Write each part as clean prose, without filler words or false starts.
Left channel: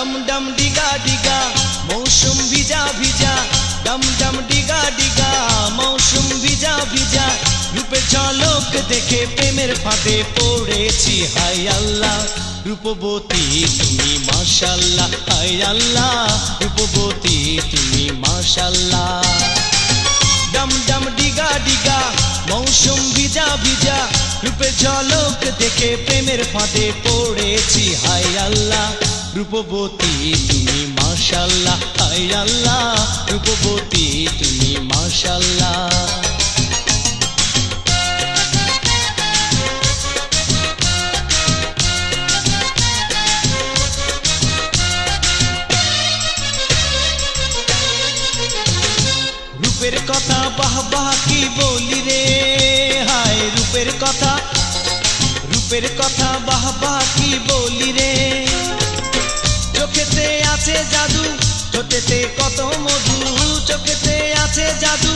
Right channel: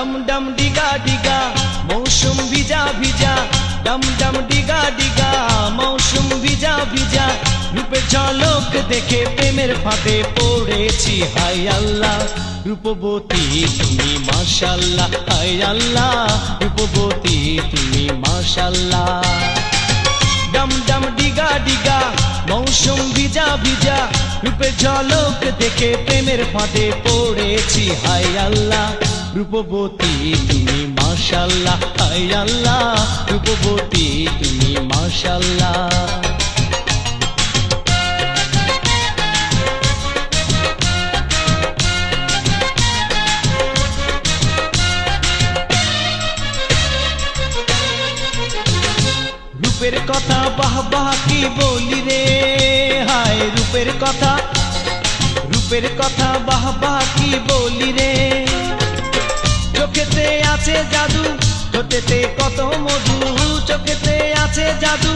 ডম ডম ডিগা ডিগা মৌসুম ভিজা ভিজা, ডম ডম ডিগা ডিগা মৌসুম ভিজা ভিজা, রূপের ঝলক দেখে প্রেমের ফাঁদে পড়েছি। হাই আল্লাহ রূপবতী তুমি মাশাআল্লাহ, হাই আল্লাহ রূপবতী তুমি মাশাআল্লাহ। ডম ডম ডিগা ডিগা মৌসুম ভিজা ভিজা, রূপের ঝলক দেখে প্রেমের ফাঁদে পড়েছি। হাই আল্লাহ রূপবতী তুমি মাশাআল্লাহ, হাই আল্লাহ রূপবতী তুমি মাশাআল্লাহ। রূপের কথা বাহ বাহ কি বলি রে, হায় রূপের কথা, রূপের কথা বাহ বাহ কি বলি রে। চোখেতে আছে জাদু, ঠোঁটেতে কত মধু, চোখেতে আছে জাদু,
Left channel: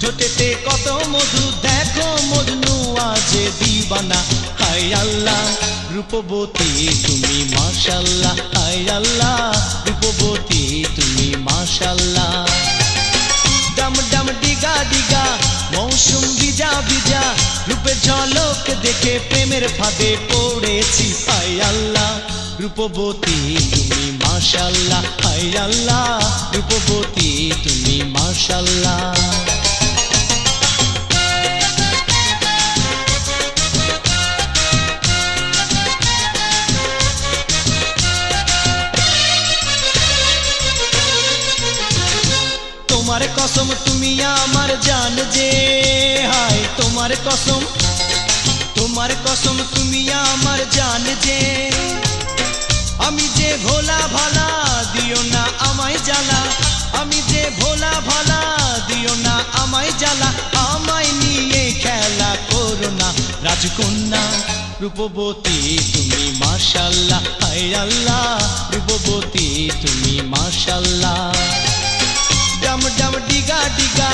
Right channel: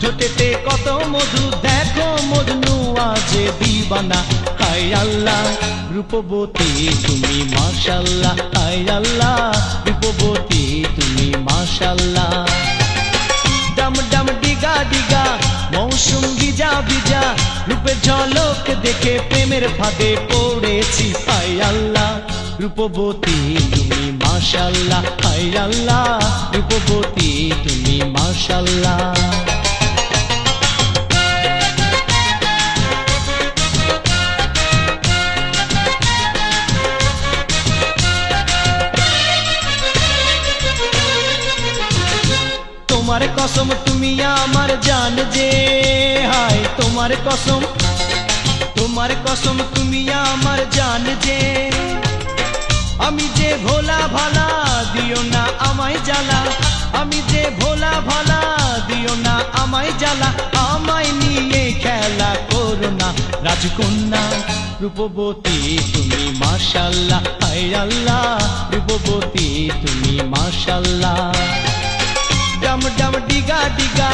ঠোঁটেতে কত মধু, দেখো মজনু আজ দিবানা। হাই আল্লাহ রূপবতী তুমি মাশাআল্লাহ, হাই আল্লাহ রূপবতী তুমি মাশাআল্লাহ। ডম ডম ডিগা ডিগা মৌসুম ভিজা ভিজা, রূপের ঝলক দেখে প্রেমের ফাঁদে পড়েছি। হাই আল্লাহ রূপবতী তুমি মাশাআল্লাহ, হাই আল্লাহ রূপবতী তুমি মাশাআল্লাহ। তোমার কসম তুমি আমার জান যে, হায় তোমার কসম, তোমার কসম তুমি আমার জান যে। আমি যে ভোলা ভালা দিও না আমায় জ্বালা, আমি যে ভোলা ভালা দিও না আমায় জ্বালা, আমায় নিয়ে খেলা করো না রাজকন্যা রূপবতী তুমি মাশাআল্লাহ, হায় আল্লাহ রূপবতী তুমি মাশাআল্লাহ। ডম ডম ডিগা ডিগা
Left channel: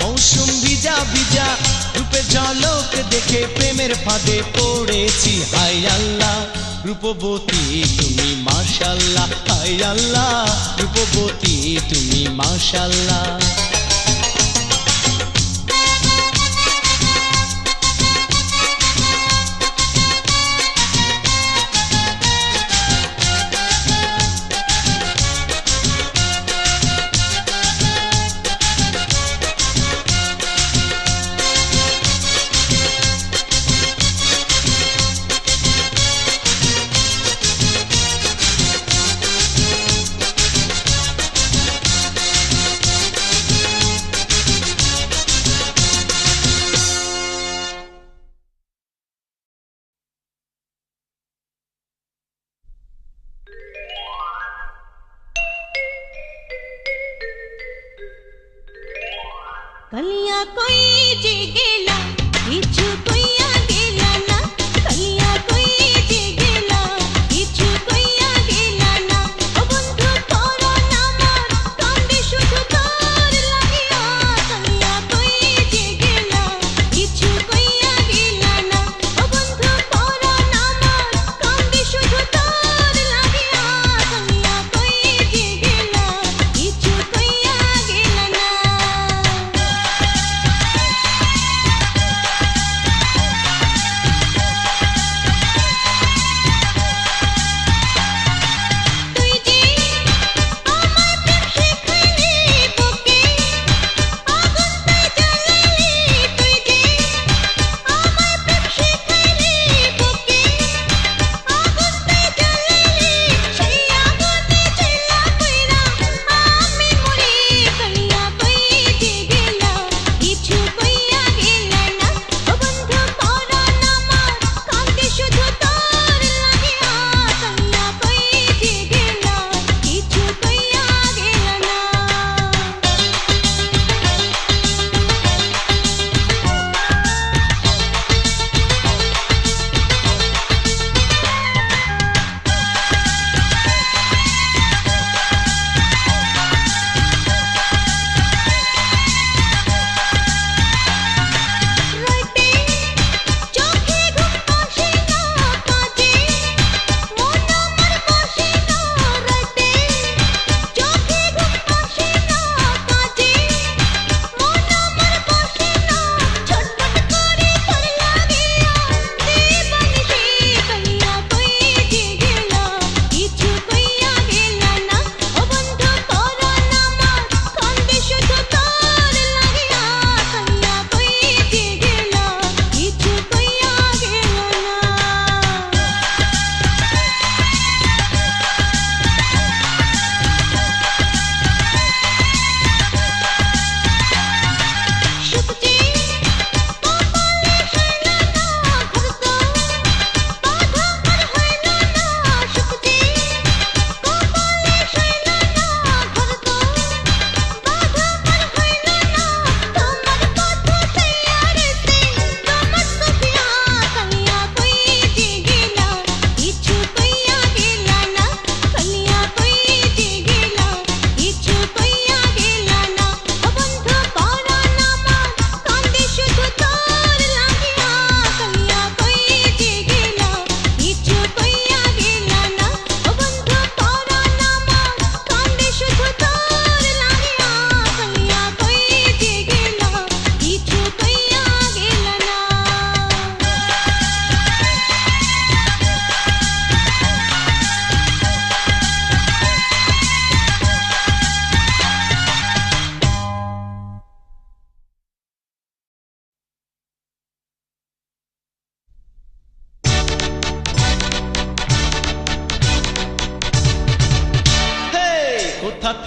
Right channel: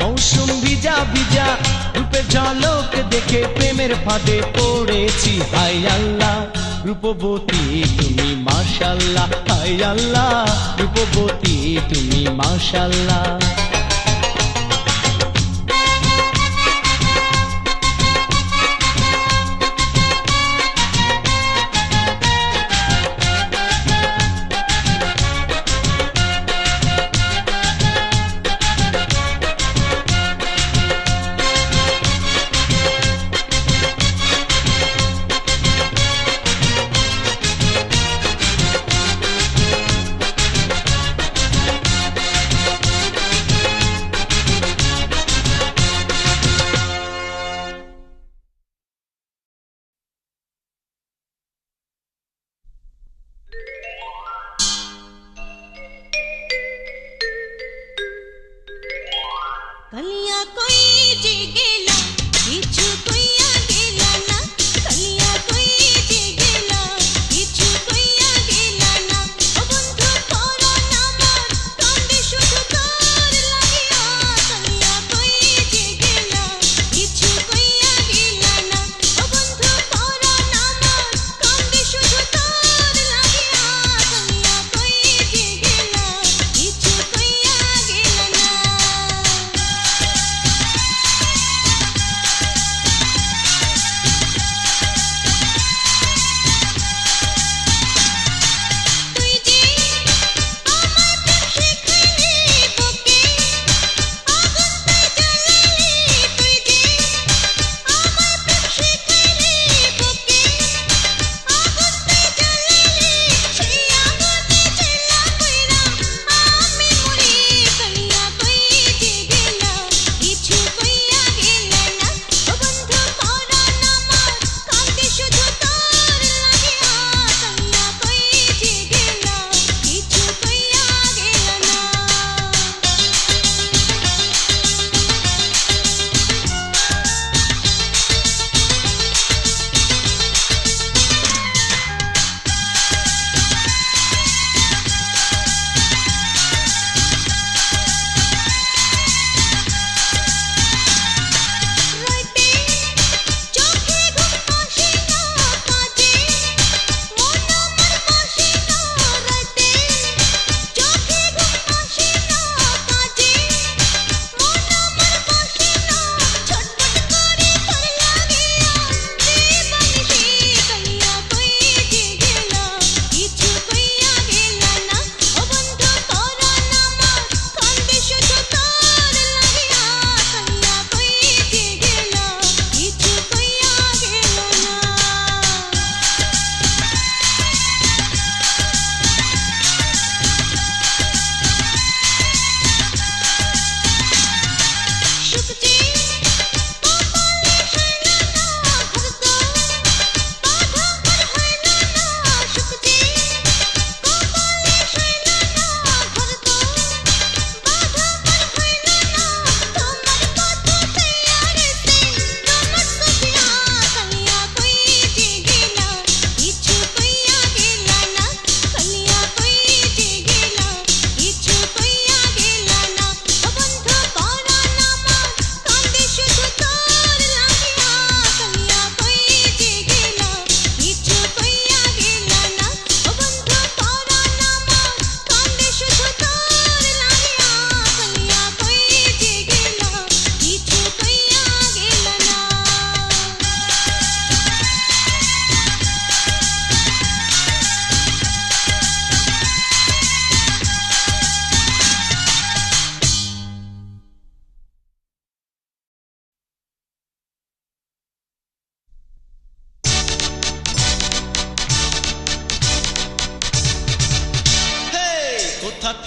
মৌসুম ভিজা ভিজা, রূপের ঝলক দেখে প্রেমের ফাঁদে পড়েছি। হাই আল্লাহ রূপবতী তুমি মাশাআল্লাহ, হাই আল্লাহ রূপবতী তুমি মাশাআল্লাহ। कलिया कोई जे गेला किछु कोइया गेला ना, कलिया कोई जे गेला किछु कोइया गेला ना। ओ बंधु तोरो नामर कांदे शुधु तोर लागिया, कलिया कोई जे गेला किछु कोइया गेला ना। ओ बंधु तोरो नामर कांदे शुधु तोर लागिया, कलिया कोई जे गेला किछु कोइया गेला ना।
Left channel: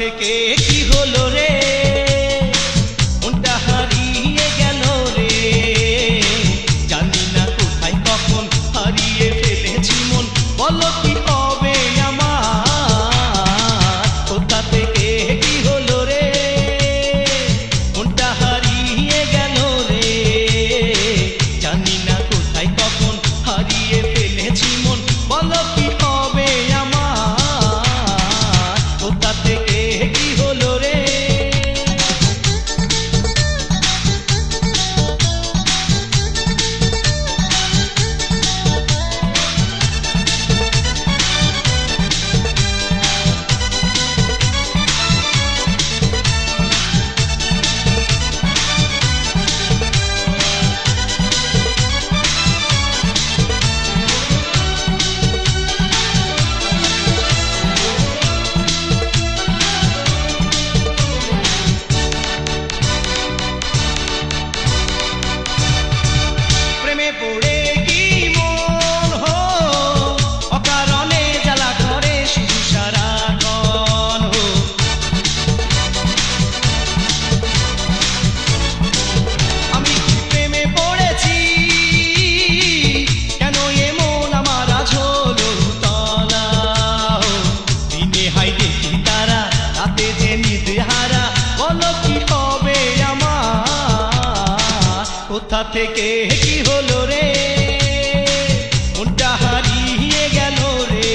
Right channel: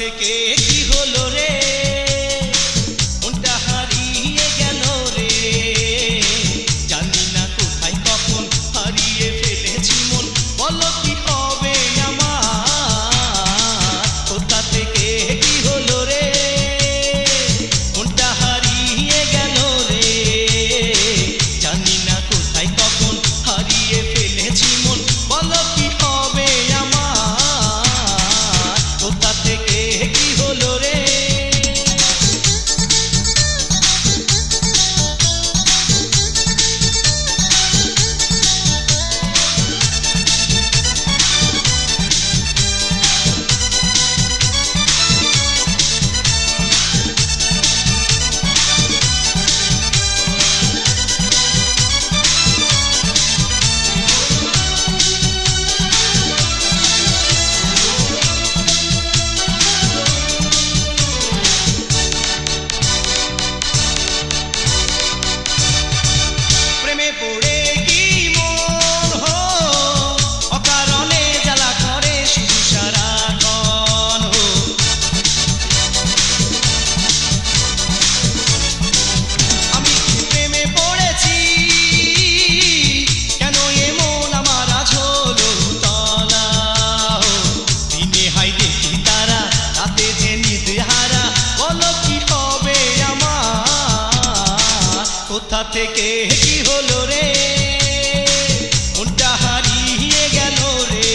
থেকে কি হলো রে, মনটা হারিয়ে গেল রে, জানি না কোথায় কখন হারিয়ে ফেলেছি মন, বলো কি হবে আমার, কোথা থেকে কি হলো রে, মনটা হারিয়ে গেল রে, জানি না কোথায় কখন হারিয়ে ফেলেছি মন, বলো কি হবে আমার, কোথা থেকে কি হলো রে। প্রেমে পড়ে কি মন হো অকারণে জ্বালা করে শুধু সারাক্ষণ হো, আমি কি প্রেমে পড়েছি, কেন এমন আমার আজ হলো তলা হো, দিনে হাই দেখি তারা, রাতে যে নিদে হারা, বলো কি হবে আমার, কোথা থেকে কি হলো রে, মনটা হারিয়ে গেল রে,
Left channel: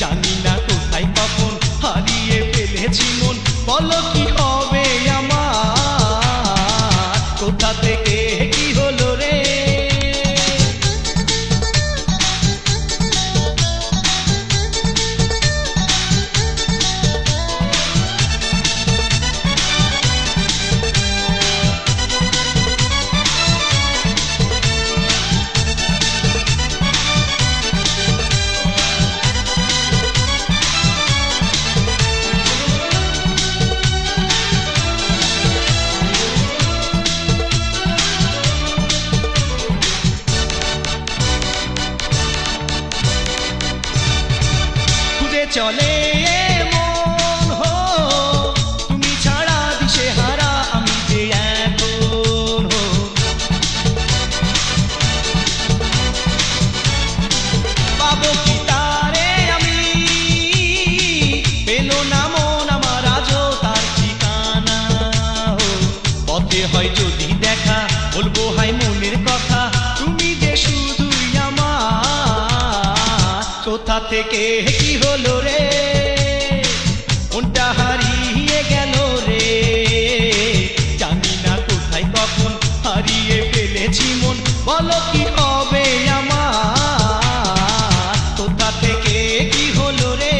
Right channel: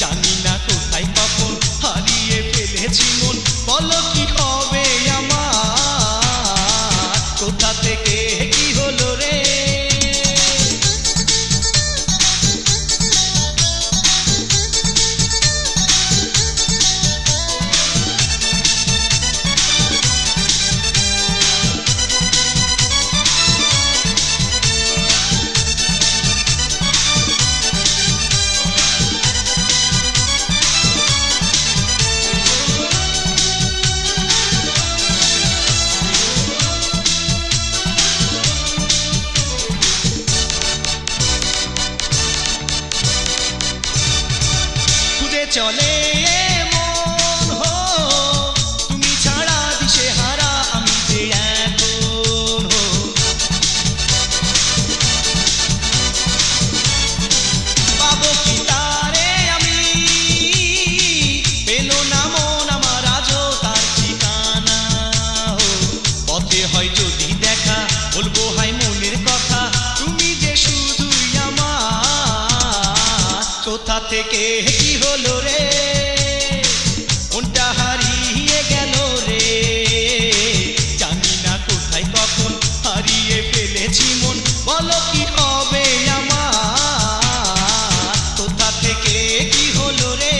জানি না কোথায় কখন হারিয়ে ফেলেছি মন, বলো কি হবে আমার, কোথা থেকে কি হলো রে। খুঁজে চলে মন হো, তুমি ছাড়া দিশে হারা আমি যে এখন হো, পাবো কি তারে আমি, পেলো না মন আমার আজও তার ঠিকানা হো, পথে হয় যদি দেখা, বলবো হাই মনের কথা, তুমি যে শুধুই আমার, কোথা থেকে কি হলো রে, মনটা হারিয়ে গেল রে, জানি না কোথায় কখন হারিয়ে ফেলেছি মন, বলো কি হবে আমার, কোথা থেকে কি হলো রে,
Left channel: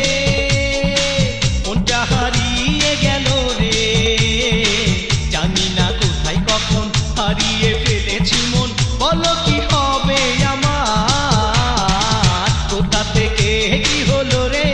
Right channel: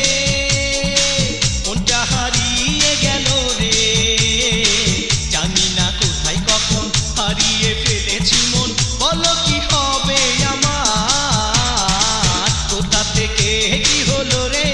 মনটা হারিয়ে গেল রে, জানি না কোথায় কখন হারিয়ে ফেলেছি মন, বলো কি হবে আমার, কোথা থেকে কি হলো রে।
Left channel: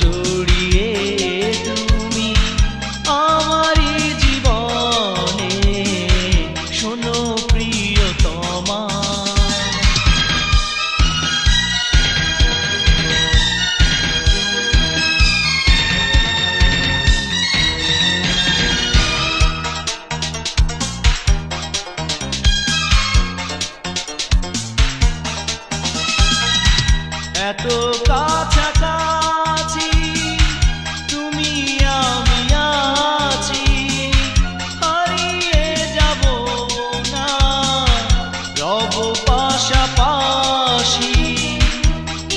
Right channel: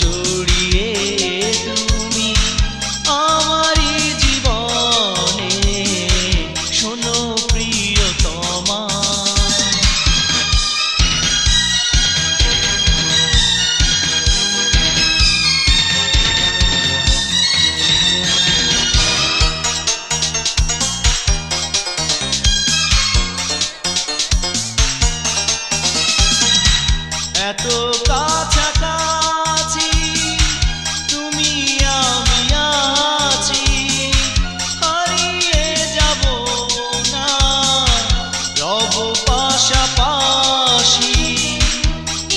জড়িয়ে তুমি আমারই জীবনে, শোনো প্রিয়তমা। এত কাছাকাছি তুমি আমি আছি, হারিয়ে যাব না, রব পাশাপাশি।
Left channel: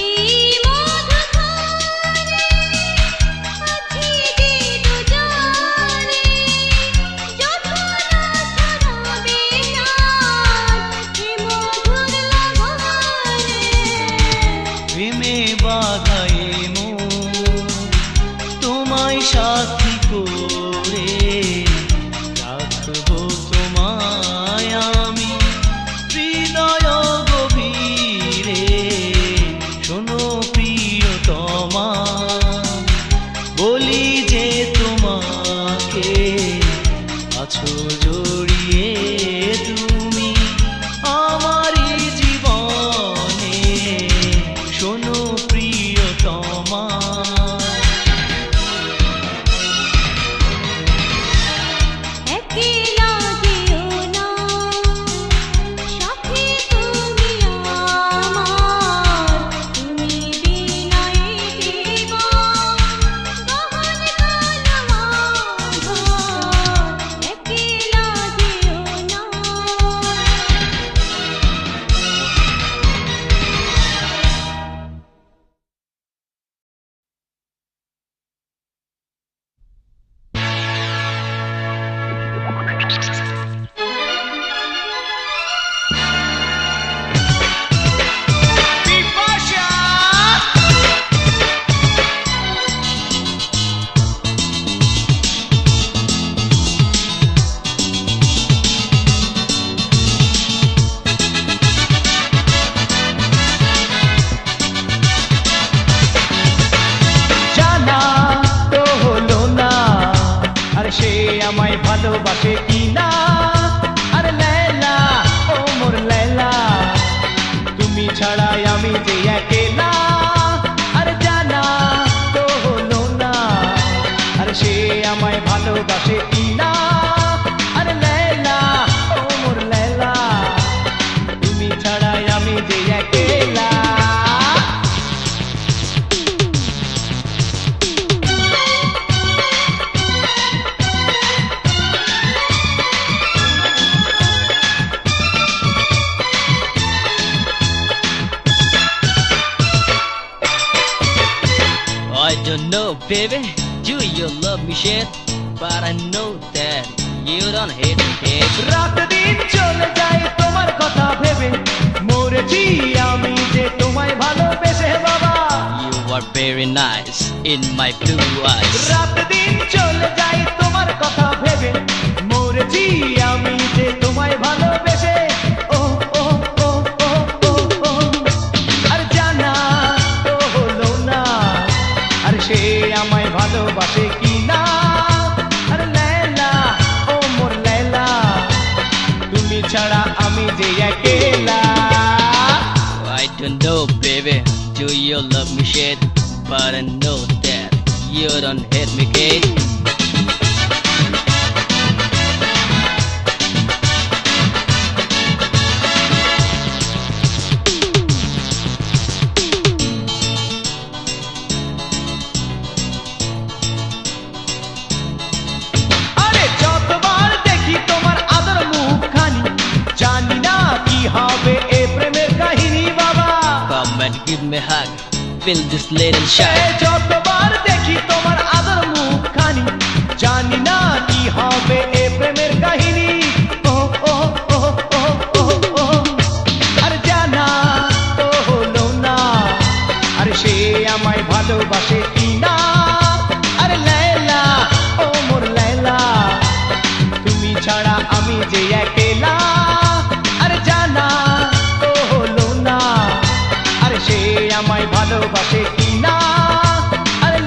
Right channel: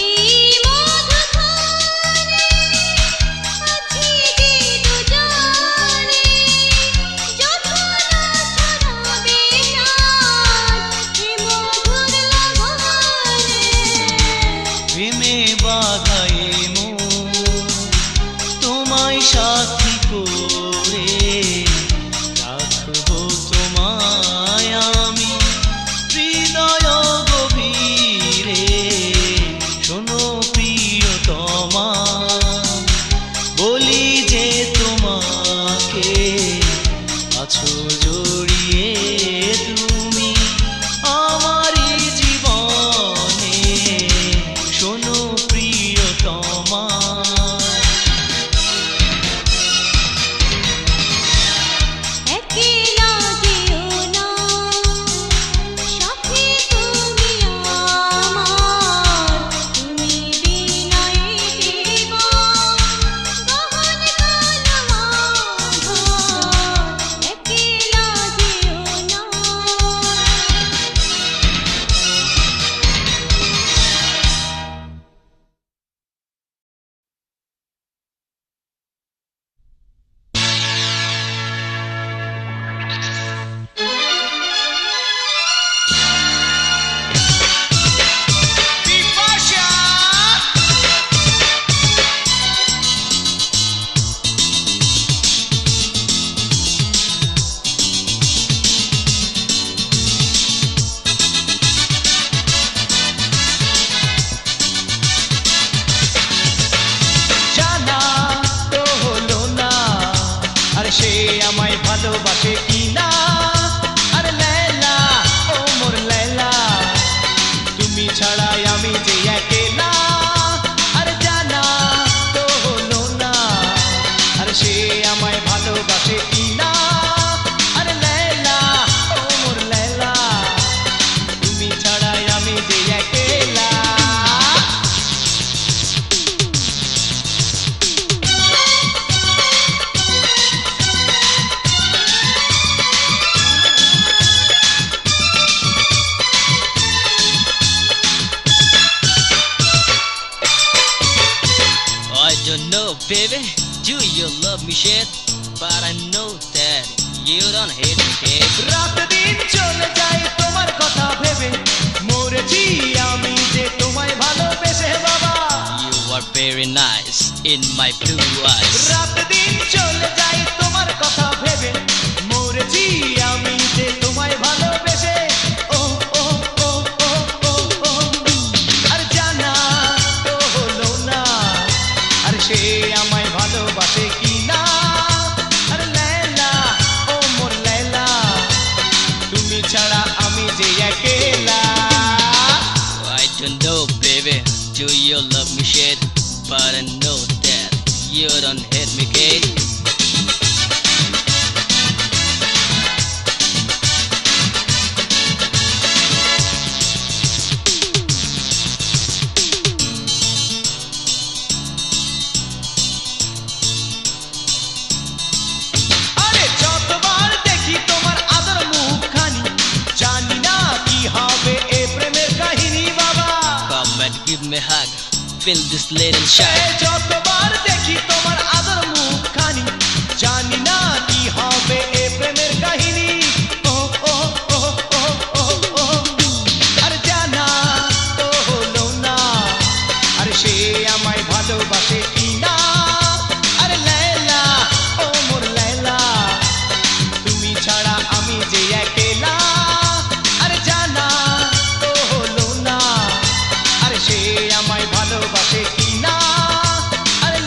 এই মধুখানে আছি যে দুজনে, যখন ছড়াবে চাঁদ এ মধুর লগনে। প্রেমে বাধাই তোমায় সাথী করে রাখবো তোমায় আমি হৃদয় গভীরে, শোনো প্রিয়তমা। বলি যে তোমাকে আছো জড়িয়ে তুমি আমারই জীবনে, শোনো প্রিয়তমা। একলা যেও না, সাথী তুমি আমার, তুমি বিনা এই জীবন গহন কালো আঁধার। একলা যেও না। জানা তো হলো না আরে সে আমায় ভালোবাসে কিনা। আরে লেলা ও মোর লেলা, তুমি ছাড়াই আমি যে একেলা। আরে জানা তো হলো না আরে সে আমায় ভালোবাসে কিনা। আরে লেলা ও মোর লেলা, তুমি ছাড়াই আমি যে একেলা। I don't know, baby, do you love me shit? But I know that you don't hate me, kid. রাত দিন চলে যায় তোমার কথা ভেবে, মরেছি আমি যে তোমায় ভালোবেসে বাবা। You are very nice in my blue eyes. রাত দিন চলে যায় তোমার কথা ভেবে, মরেছি আমি যে তোমায় ভালোবেসে। ও ও ও ও ও ও, আর জানা তো হলো না আর সে আমায় ভালোবাসে কিনা। আর লেলা ও মোর লেলা, তুমি ছাড়া আমি যে একেলা। I don't know, baby, do you love me shit? But I know that you don't hate me, kid. আরে যতবার দেখি তোমার আদর মুখখানি, জানি না কি হবে এ প্রেমের কাহিনী বাবা। Come and give me a hug, feel this little A shock. যতবার দেখি তোমার আদর মুখখানি, জানি না কি হবে এ প্রেমের কাহিনী। ও ও ও ও ও ও, আর জানা তো হলো না আর সে আমায় ভালোবাসে কিনা। আরে লেলা ও মোর লেলা, তুমি ছাড়া আমি যে একেলা। আরে জানা তো হলো না আর সে আমায় ভালোবাসে কিনা। আরে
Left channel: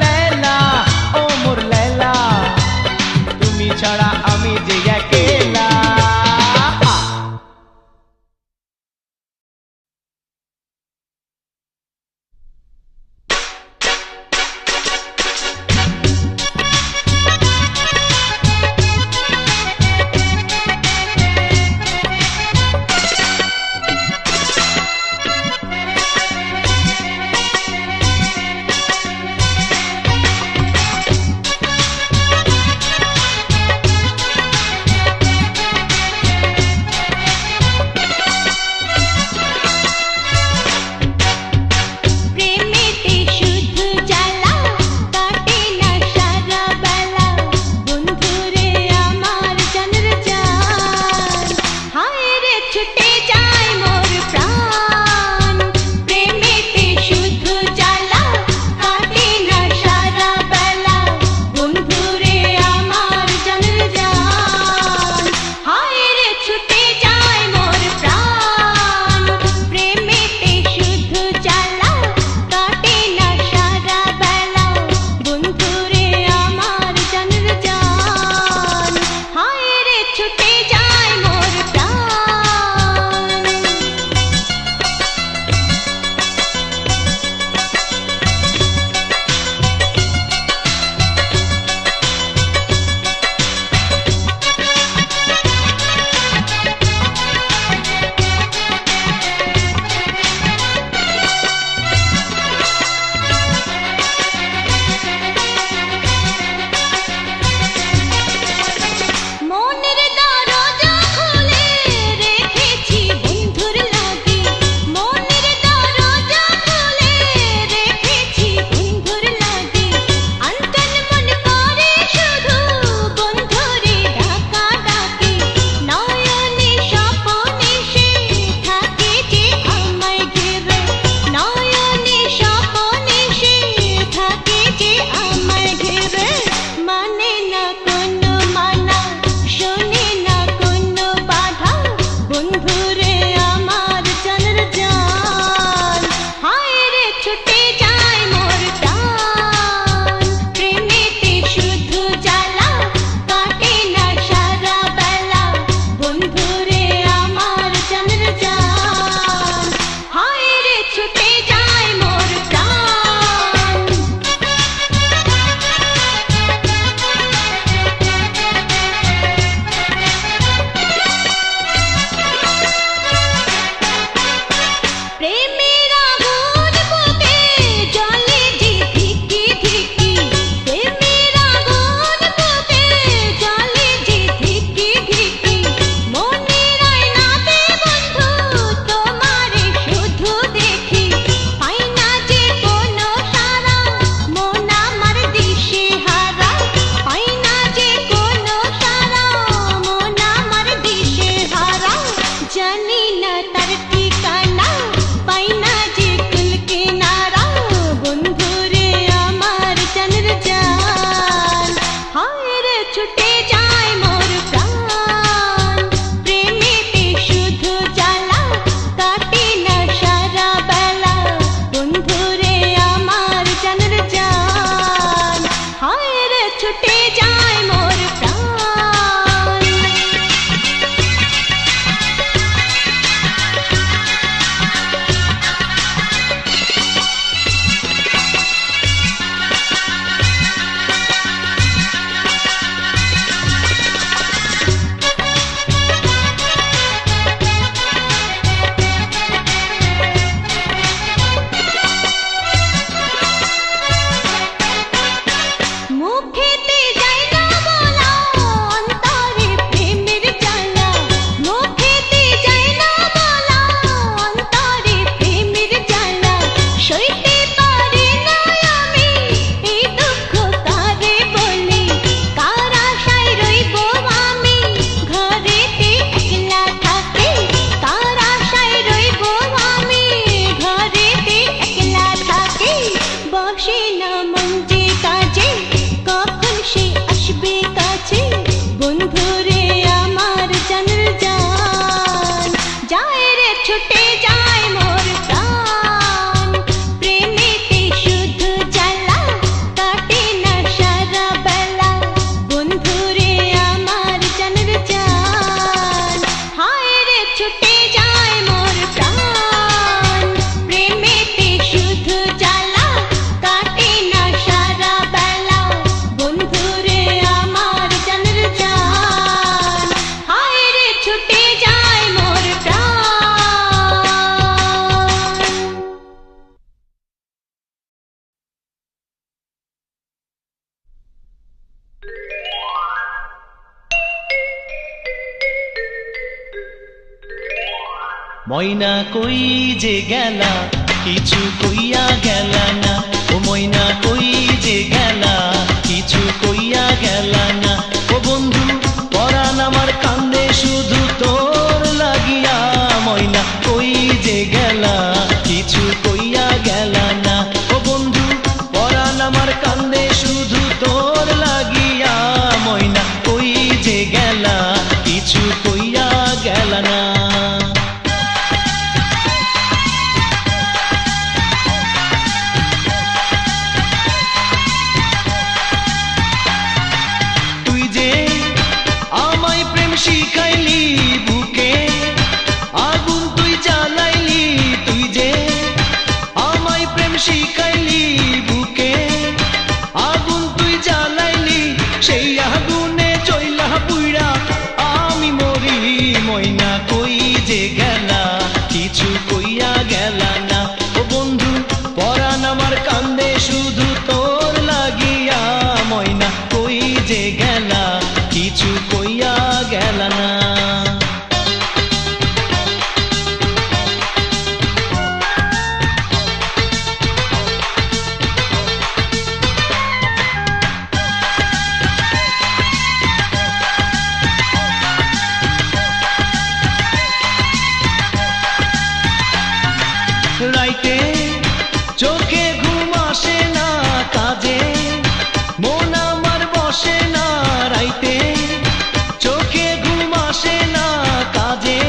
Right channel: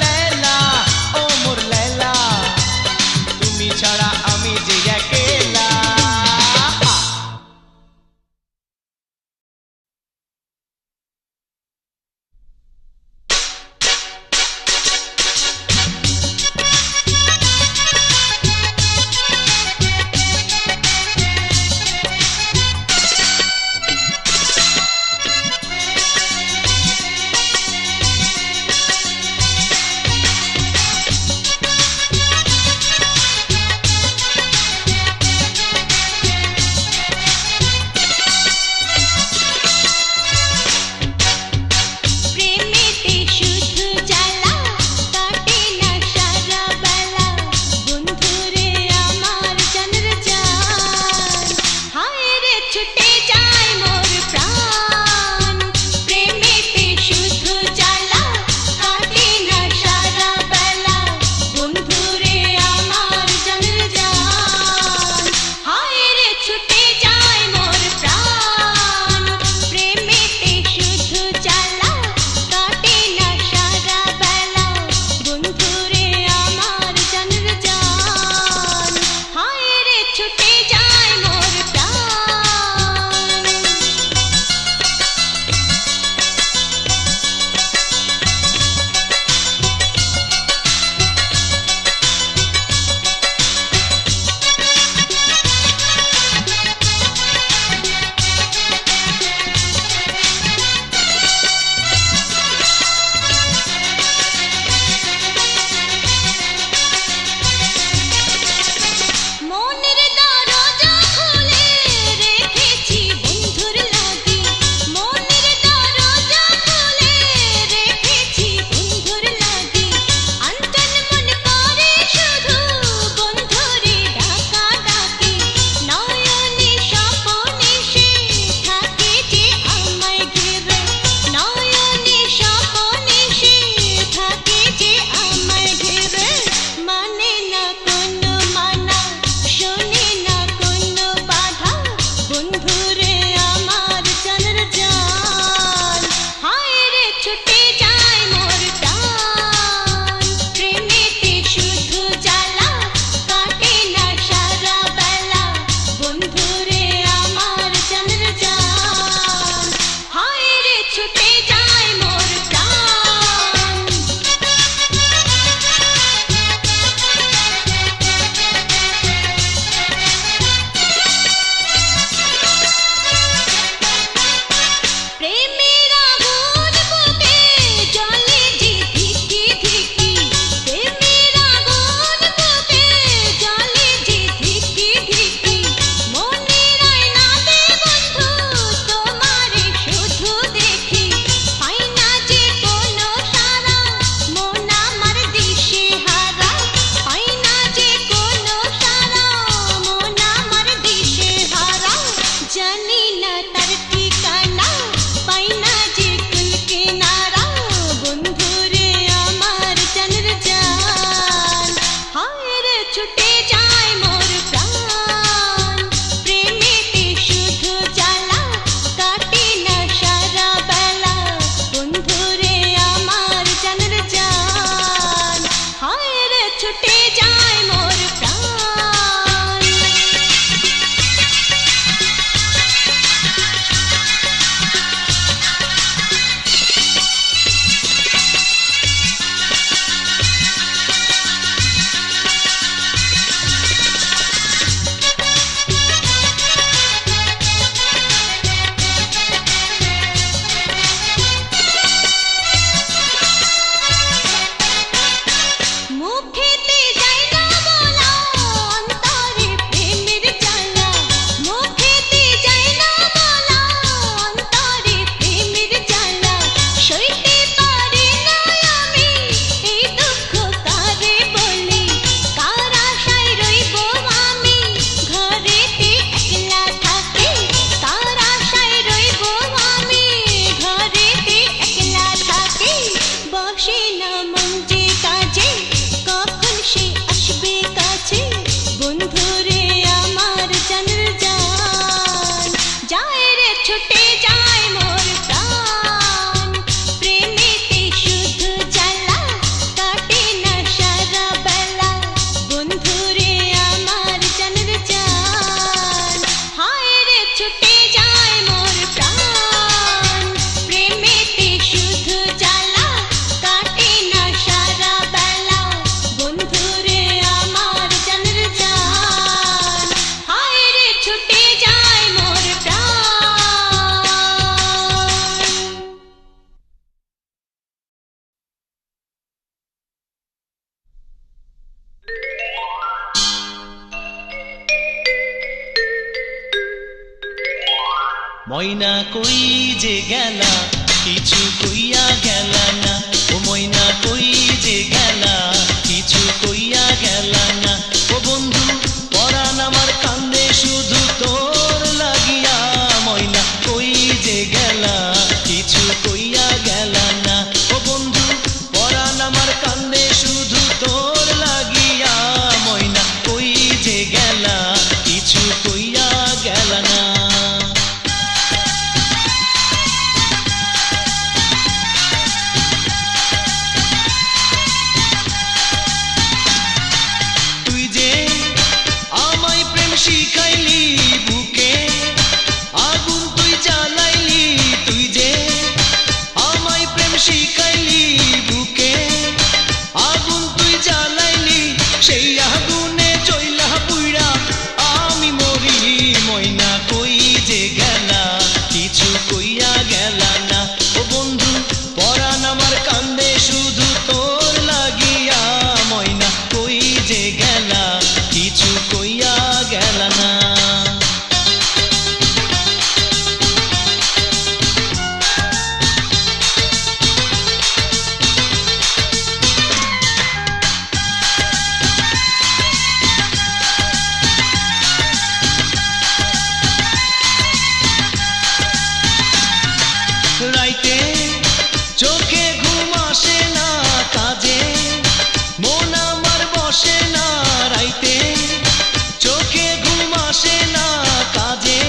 ময়না কই যে গেলা কিছু কইয়া গেলা না, ও ময়না কই যে গেলা কিছু কইয়া গেলা না। ও বন্ধু পরাণ আমার কান্দে শুধু তোর লাগিয়া, ময়না কই যে গেলা কিছু কইয়া গেলা না। ও বন্ধু পরাণ আমার কান্দে শুধু তোর লাগিয়া, ময়না কই যে গেলা কিছু কইয়া গেলা না। শিখাইলি বুকে আগুন তুই জ্বালাইলি, তুই যে আমায় প্রেম শিখাইলি বুকে আগুন তুই জ্বালাইলি, সেই আগুনে চইলা পুইরা আমি মরি। ময়না কই যে গেলা কিছু কইয়া গেলা না। ও বন্ধু পরাণ আমার কান্দে শুধু তোর লাগিয়া, ময়না কই যে গেলা কিছু কইয়া গেলা না। রাইতে চোখে ঘুম আসে না, কাজে মন আমার বসে না। রাইতে চোখে ঘুম আসে না, কাজে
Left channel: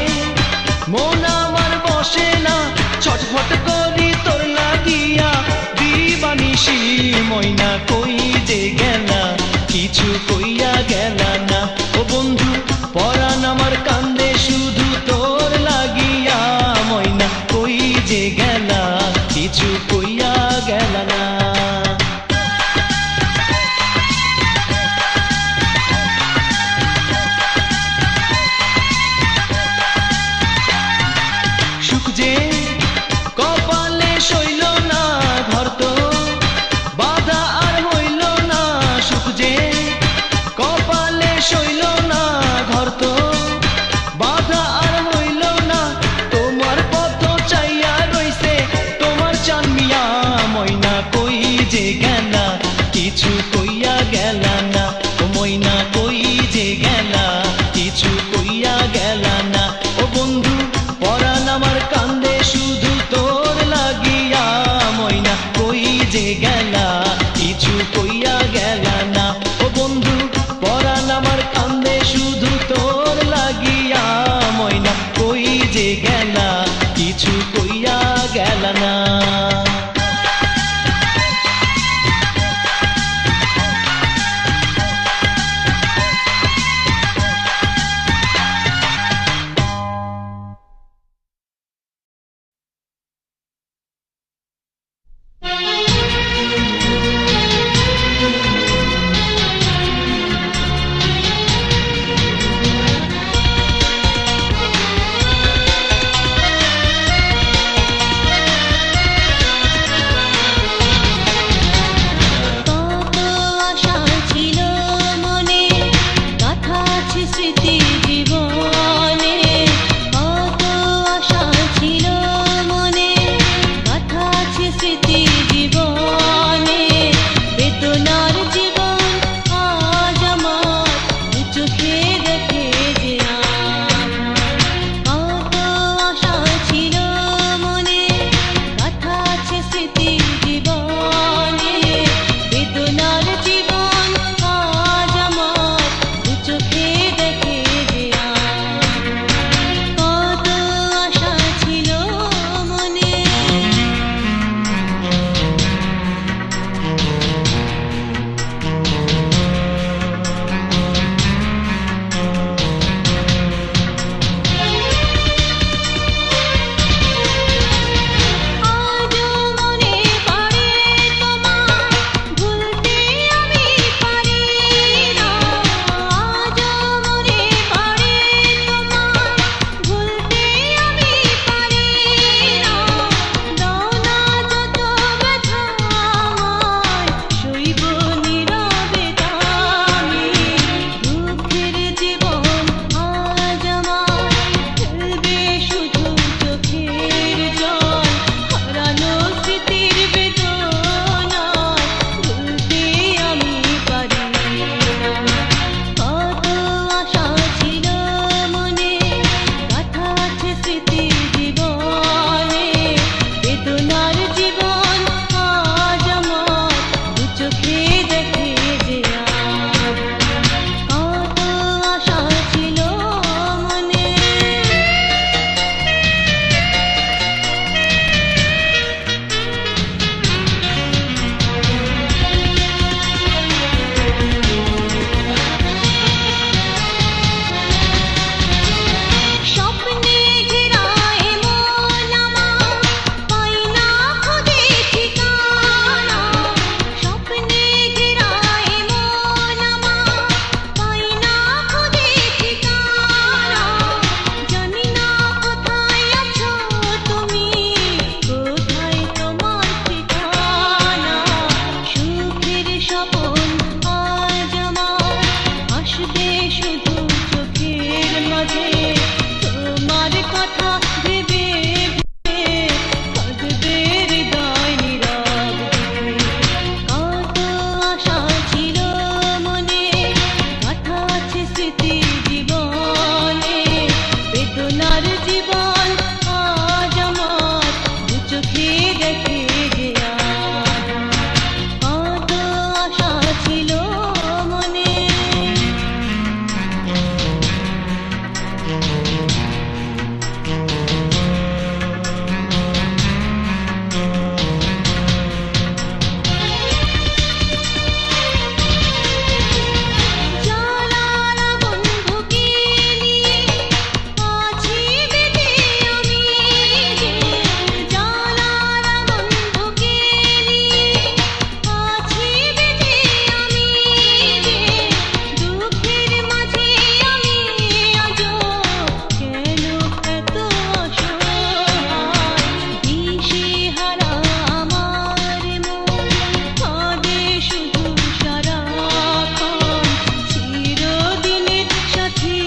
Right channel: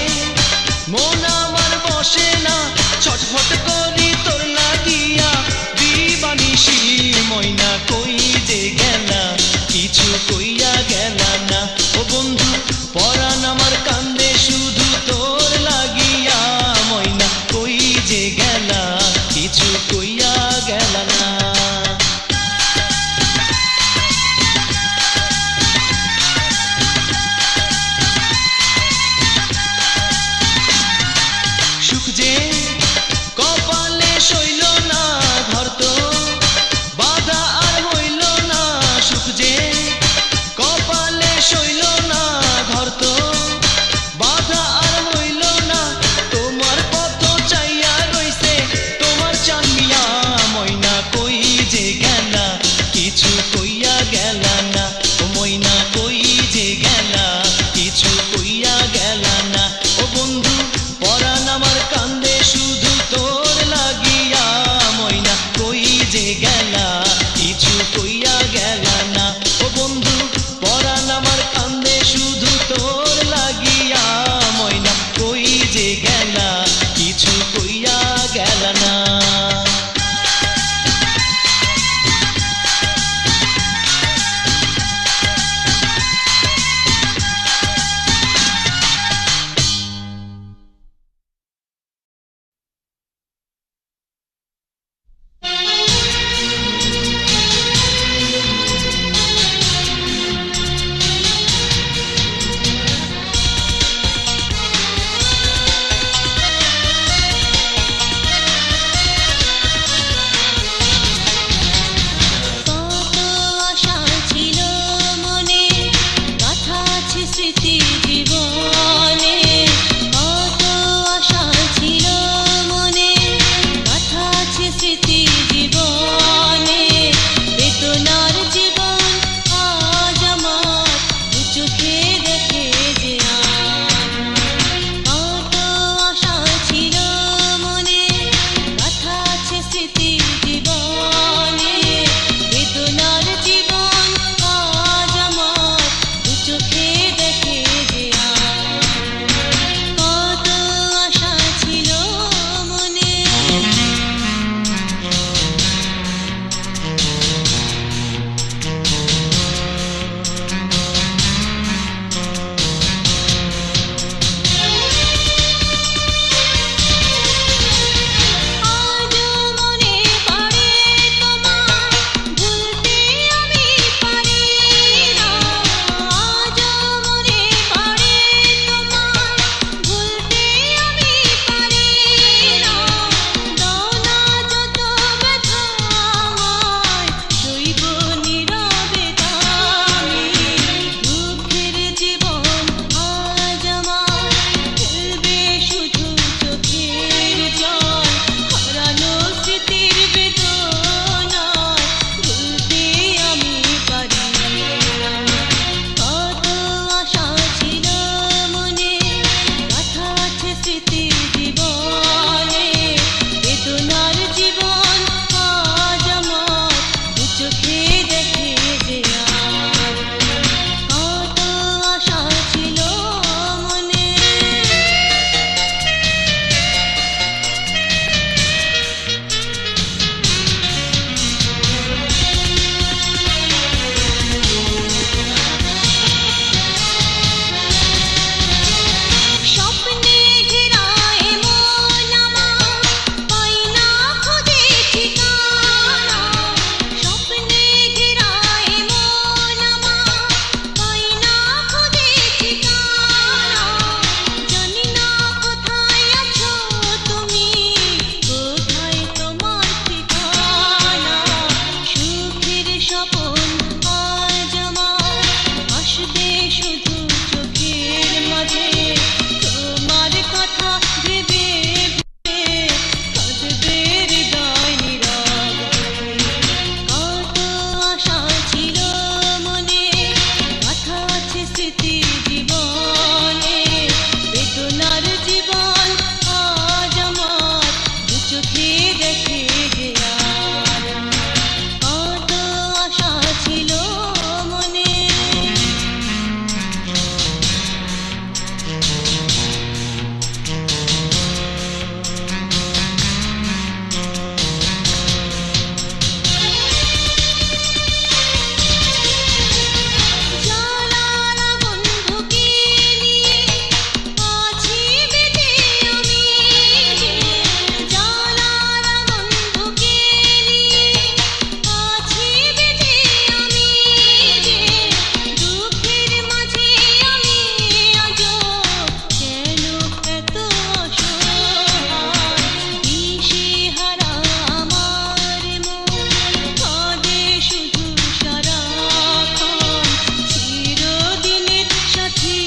মন আমার বসে না। ছটফট করি তোর লাগিয়া দিবানিশি, ময়না কই যে গেলা কিছু কইয়া গেলা না। ও বন্ধু পরাণ আমার কান্দে শুধু তোর লাগিয়া, ময়না কই যে গেলা কিছু কইয়া গেলা না। সুখ যে কপালে সইল না, ঘর তো বাধা আর হইল না। সুখ যে স্বপন আজ আমার আসবে শুধু চোখের মাঝে তোমার কথা ভেবে ভেবে কাঁদবে হৃদয় নীরব কত আশা ছিল মনে কথা আছে স্মৃতি জীবনে বেদনার জীবন আজ আমার দু চোখে দেখে যে আজ কত আশা ছিল মনে জানালা বন্ধুকে নিয়ে আছি বেঁধে আমি যে জানালা বন্ধুকে নিয়ে আছি বেঁধে আমি যে দুঃখের মাঝে আমি আজও কেন এত অসহায় দিশেহারা আমার মন কাঁদে শুধু সারাক্ষণ চিরদিনের সাথী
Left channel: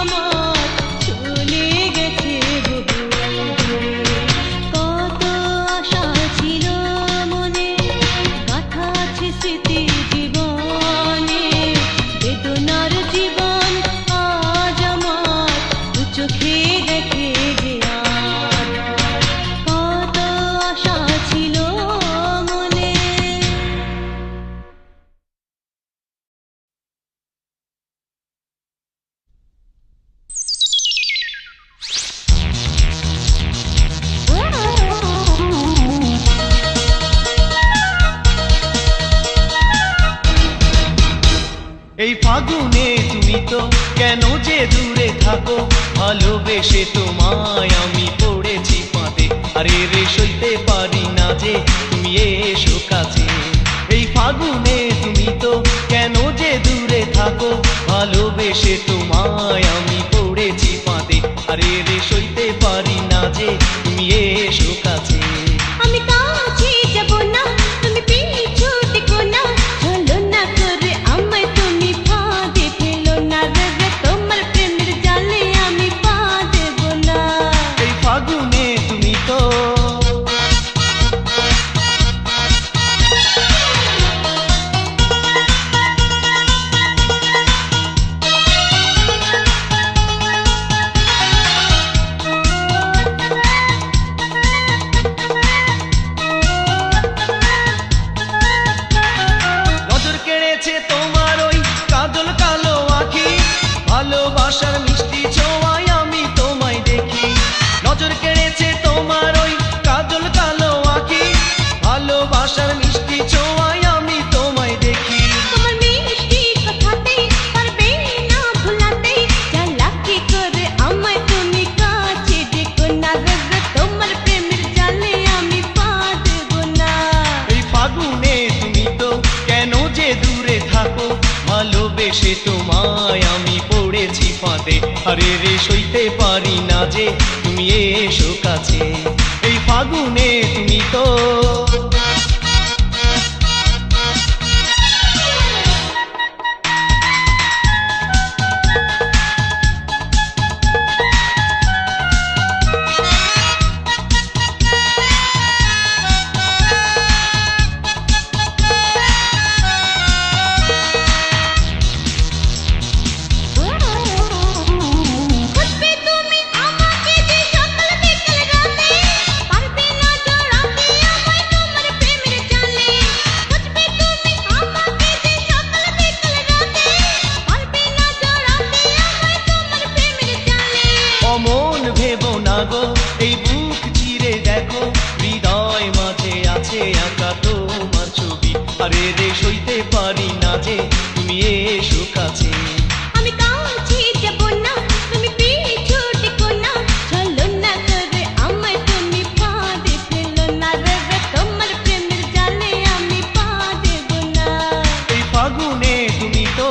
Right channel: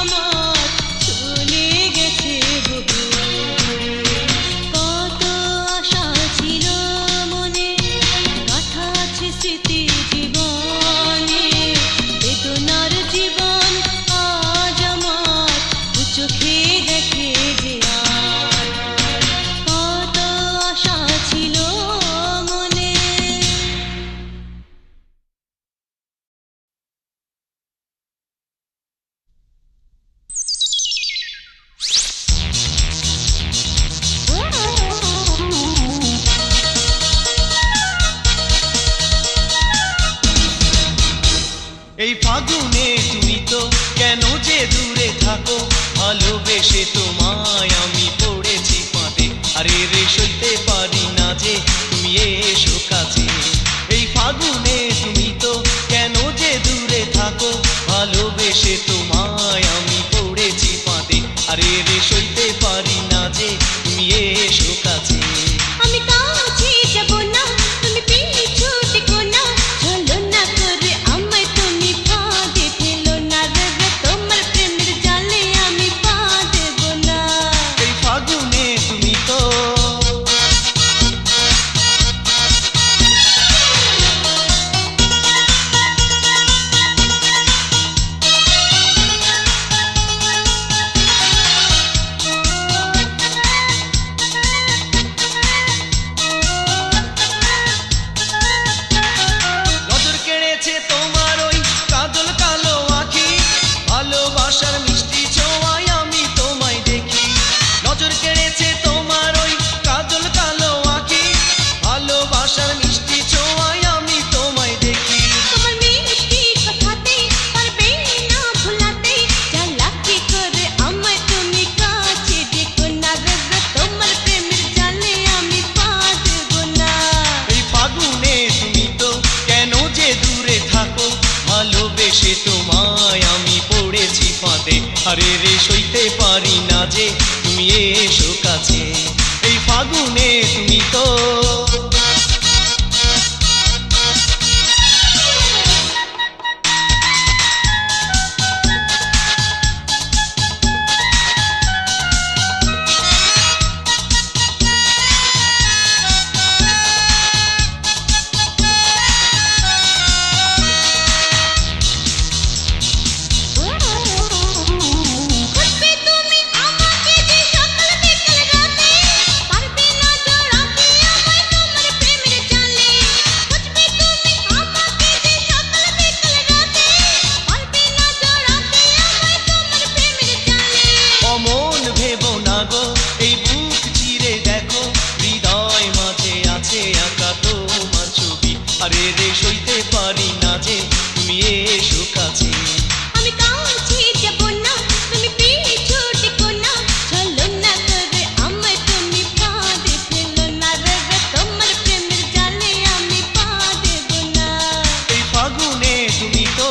আমার চলে গেছে বহু দূরে কত আশা ছিল মনে কথা আছে স্মৃতি জীবনে বেদনার জীবন আজ আমার দু চোখে দেখে যে আজ কত আশা ছিল মনে এই ফাগুনে তুমি তো কেন যে দূরে থাকো ভালোবেসে তোমায় আমি পড়েছি পাতে আরে রে সইতে পারি না যে তুমি এসো কাছে এই ফাগুনে তুমি তো কেন যে দূরে থাকো ভালোবেসে তোমায় আমি পড়েছি পাতে আরে রে সইতে পারি না যে তুমি এসো কাছে আমি কাছে যাব না তুমি পিছু টেকো না চলো না করে আমায় তুমি ফাঁদে ফেলো না রে রে তোমার প্রেমের জালে আমি পা দেব না এই ফাগুনে তুমি তো নজর কেড়েছে তোমার ওই কাজল কালো আঁখি ভালোবাসার মিষ্টি ছোঁয়ায় আমি তোমায় দেখি নজর কেড়েছে তোমার ওই কাজল কালো আঁখি ভালোবাসার মিষ্টি ছোঁয়ায় আমি তোমায় দেখি তোমার মিষ্টি কথাতে পারবে না ভুলাতে চালাকি করে আমায় তুমি কাছে ডেকো না রে রে তোমার প্রেমের জালে আমি পা দেব না এই ফাগুনে তুমি তো কেন যে দূরে থাকো ভালোবেসে তোমায় আমি পড়েছি ফাঁদে আরে রে সইতে পারি না যে তুমি এসো কাছে এই ফাগুনে তুমি তো খুঁজবে তুমি আমাকে যে সকাল বিকেল রাতে পারবে না জড়াতে আমায় তোমার প্রেমের জালে খুঁজবে তুমি আমাকে যে সকাল বিকেল রাতে পারবে না জড়াতে আমায় তোমার প্রেমের জালে অমন ভেবো না গো এই বুক চিরে দেখো হৃদয় মাঝে আছে আঁকা তোমার ছবি আরে রে সইতে পারি না যে তুমি এসো কাছে আমি কাছে যাব না তুমি পিছু টেকো না চলো না করে আমায় তুমি ফাঁদে ফেলো না রে রে তোমার প্রেমের জালে আমি পা দেব না এই ফাগুনে তুমি তো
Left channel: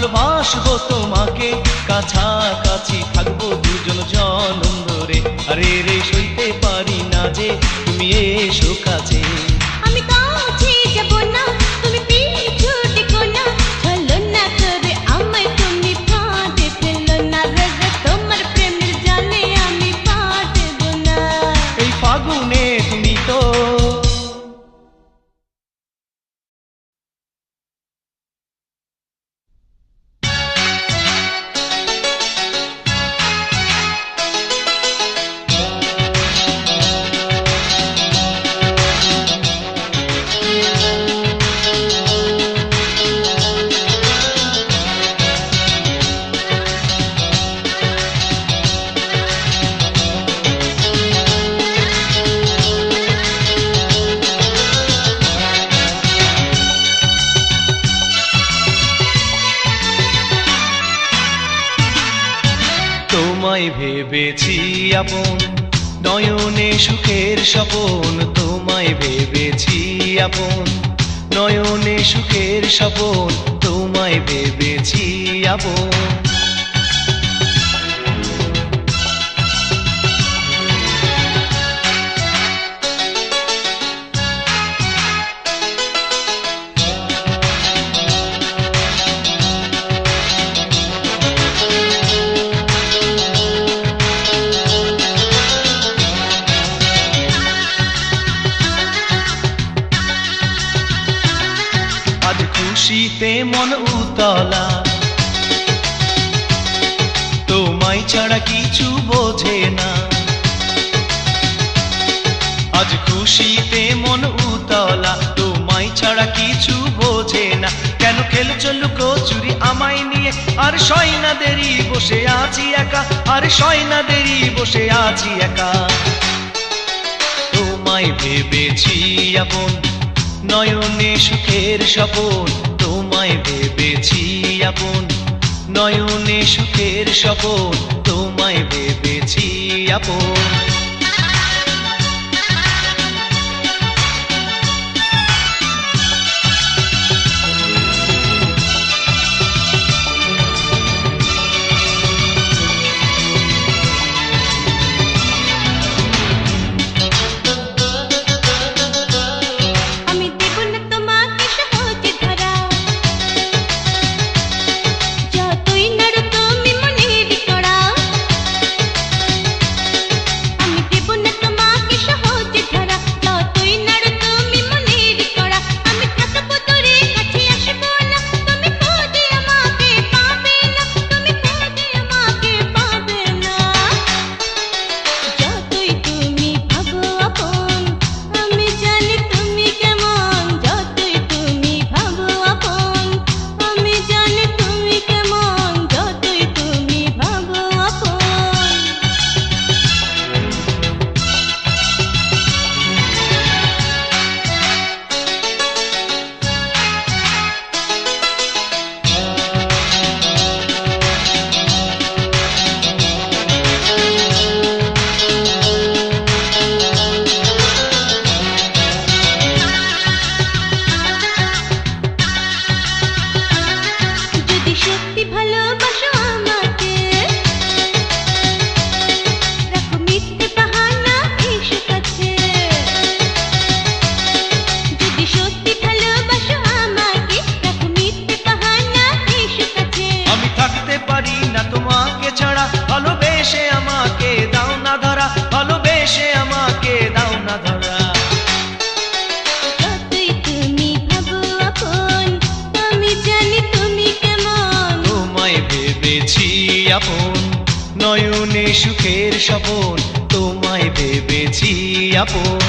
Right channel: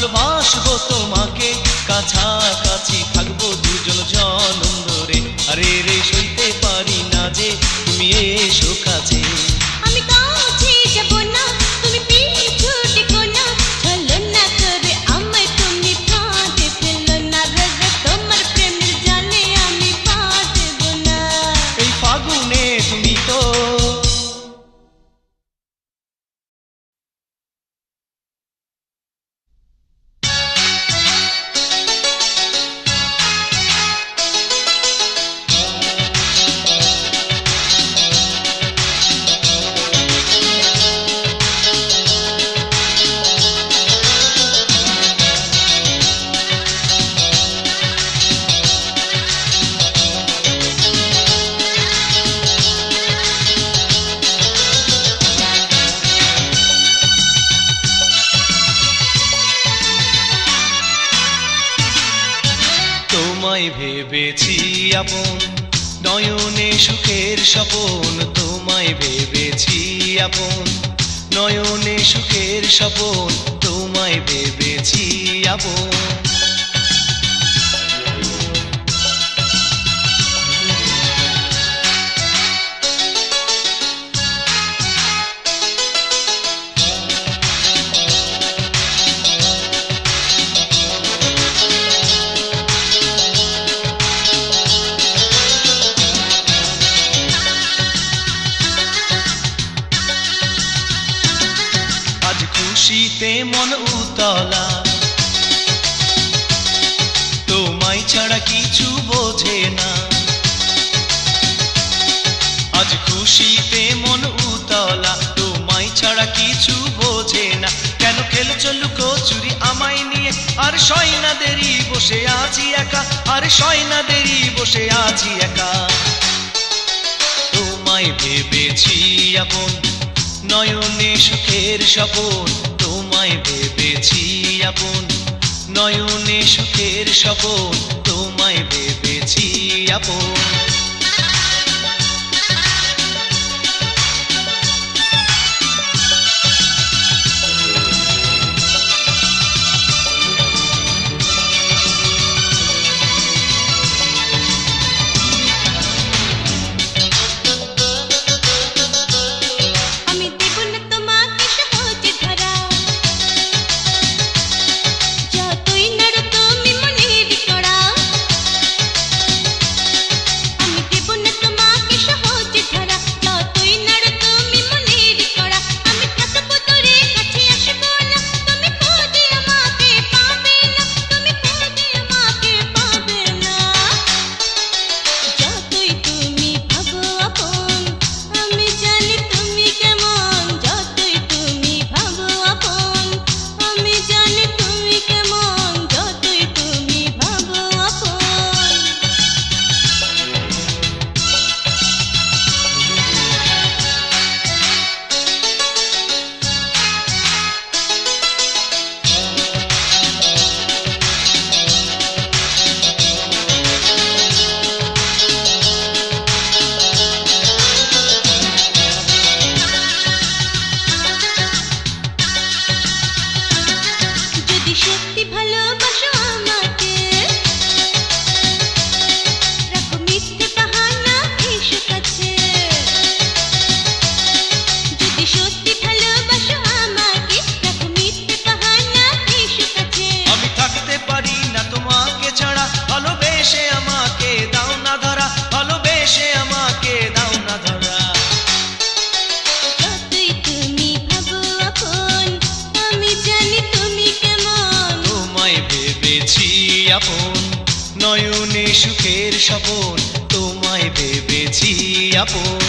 ভালোবাসবো তোমাকে, কাছাকাছি থাকবো দুজন জনম ধরে। আরে রে সইতে পারি না যে তুমি এসো কাছে। আমি কাছে যাব না, তুমি পিছু টেকো না, ভালো না করে আমায় তুমি ফাঁদে ফেলো না, রে তোমার প্রেমের জালে আমি পা দেব না। এই ফাগুনে তুমি তো তোমায় ভেবেছি আপন, নয়নে সুখের স্বপন। তোমায় ভেবেছি আপন, নয়নে সুখের স্বপন। তোমায় ভেবেছি আপন। আজ খুশিতে মন উতলা, তোমায় ছাড়া কিছু বোঝে না। আজ খুশিতে মন উতলা, তোমায় ছাড়া কিছু বোঝে না। কেন খেলছো লুকোচুরি আমায় নিয়ে, আর সয়নাদেরই বসে আছি একা, আর সয়নাদেরই বসে আছি একা। তোমায় ভেবেছি আপন, নয়নে সুখের স্বপন। তোমায় ভেবেছি আপন, নয়নে সুখের স্বপন। তোমায় ভেবেছি আপন। আমি দেব না তোমাকে সহজে ধরা, যতই নাড়ো তুমি মনের কড়া। আমি দেব না তোমাকে সহজে ধরা, যতই নাড়ো তুমি মনের কড়া। আমি থাকবো তোরে কাছে আসবো না, তুমি খোঁজে আমাকে পাবে না, তুমি খোঁজে আমাকে পাবে না। যতই তুমি ভাবো আপন, আমি জানি তুমি কেমন। যতই তুমি ভাবো আপন, আমি জানি তুমি কেমন। যতই তুমি ভাবো আপন। যদি সত্যি ভালোবাসো আমাকে, রাখো মিথ্যে বাহানা এসো কাছে। যদি সত্যি ভালোবাসো আমাকে, রাখো মিথ্যে বাহানা এসো কাছে। আমি থাকতে পারি না তোমাকে ছাড়া, ভালোবেসে আমাকে দাও না ধরা, ভালোবেসে আমাকে দাও না ধরা। যতই তুমি ভাবো আপন, আমি জানি তুমি কেমন। তোমায় ভেবেছি আপন, নয়নে সুখের স্বপন। তোমায় ভেবেছি আপন।